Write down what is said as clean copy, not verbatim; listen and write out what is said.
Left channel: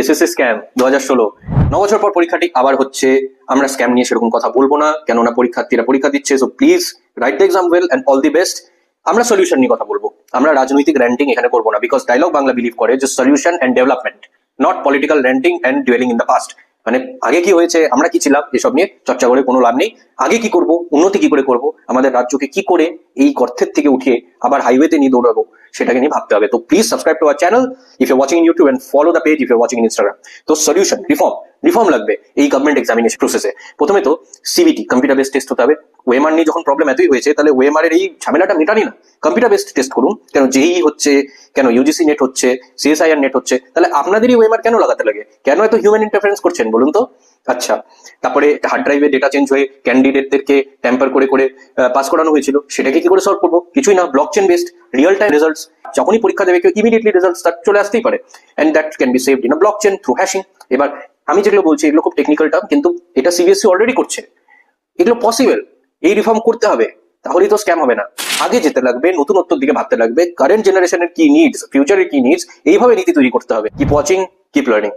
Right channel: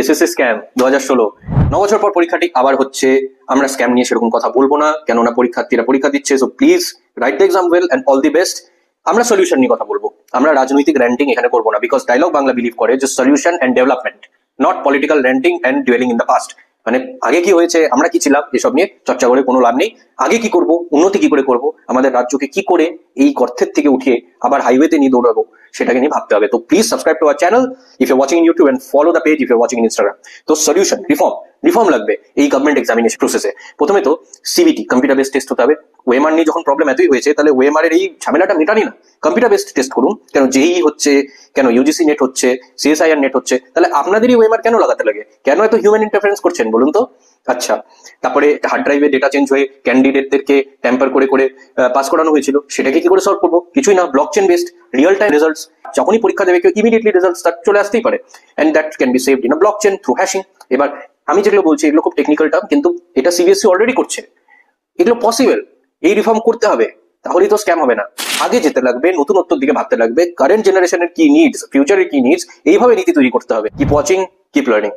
SSC scam 2016 9 বছর পর পরীক্ষাটি আবার হচ্ছে। আমরা স্ক্যাম নিয়ে সেরকম কথা বলবো না, কেননা পরীক্ষার্থীরা পরীক্ষা দিচ্ছে। So please write the exam well and all the best. আমরা সলিউশন নিয়ে কথা বলবো, আমরা রাজনৈতিক র্যান্টিং এখানে করবো না, বিকজ ডায়লগ বাংলা বিলিভ করে যে solution and development, not political ranting and dueling in the past. মানে আগে কি হয়েছে, আমরা কি ছিলাম, এসব নিয়ে চর্চা করে কোনো লাভ নেই। আগে কি করব, উন্নতি কি করে করব, আমাদের রাজ্যকে কি করে এই গর্তের থেকে উঠে আবার হাইওয়েতে নিয়ে দৌড়াবো, সেটাকে নিয়ে ভাবতে হবে। তো please subscribe to our channel if you watching in YouTube and follow the page if you watching in Instagram. তো সলিউশন, রিফর্ম লাগবে এই গভর্নমেন্ট এক্সামিনেশন প্রসেসে। প্রথমে তো সিবিটি কম্পিউটার বেসড টেস্ট হতে হবে। ওএমআর নিয়ে যখন প্রবলেম এতই হয়েছে, তাহলে ওএমআর এর এই ঝামেলাটা মেটানি না, কম্পিউটার বেসড টেস্ট করুন। কেন জেই হচ্ছে, কেন ইউজিসি নেট হচ্ছে, সিএসআইআর নেট হচ্ছে, তাহলে আপনাদেরই ওএমআর কেন লাগাতে লাগে? কেন এত হিউম্যান ইন্টারফারেন্স করছেন বলুন তো? আচ্ছা, তারপরে হার্ড ড্রাইভে ডেটা চেঞ্জ হয়ে ক্যান্ডিডেটদেরকে ট্যাম্পার করে করে পাস করানো হয়েছিল, সেটাকে কি করে সলভ করবো? কিছুই না, blockchain based real time results. যখনই পরীক্ষা দেবে কেউ ইমিডিয়েটলি রেজাল্টস তার চলে আসতেই পারে, and that can be saved in a blockchain through hashing. এবার আমি যেগুলো বলছি এগুলো খুব টেকনিক্যাল টার্ম, কিন্তু এটা সিবিএসসি অলরেডি করছে, এগুলো পসিবল। এই রিফর্ম করতে হবে, তাহলেই তো স্ক্যাম হবে না। আগে যেতে লাগবে, নতুনত্বর দিকে ভাবতে লাগবে, কারেন্ট জেনারেশনের কি নিডস, ফিউচারের কি নিডস, এইভাবে নীতি তৈরি করতে হবে। Keep watching, keep learning.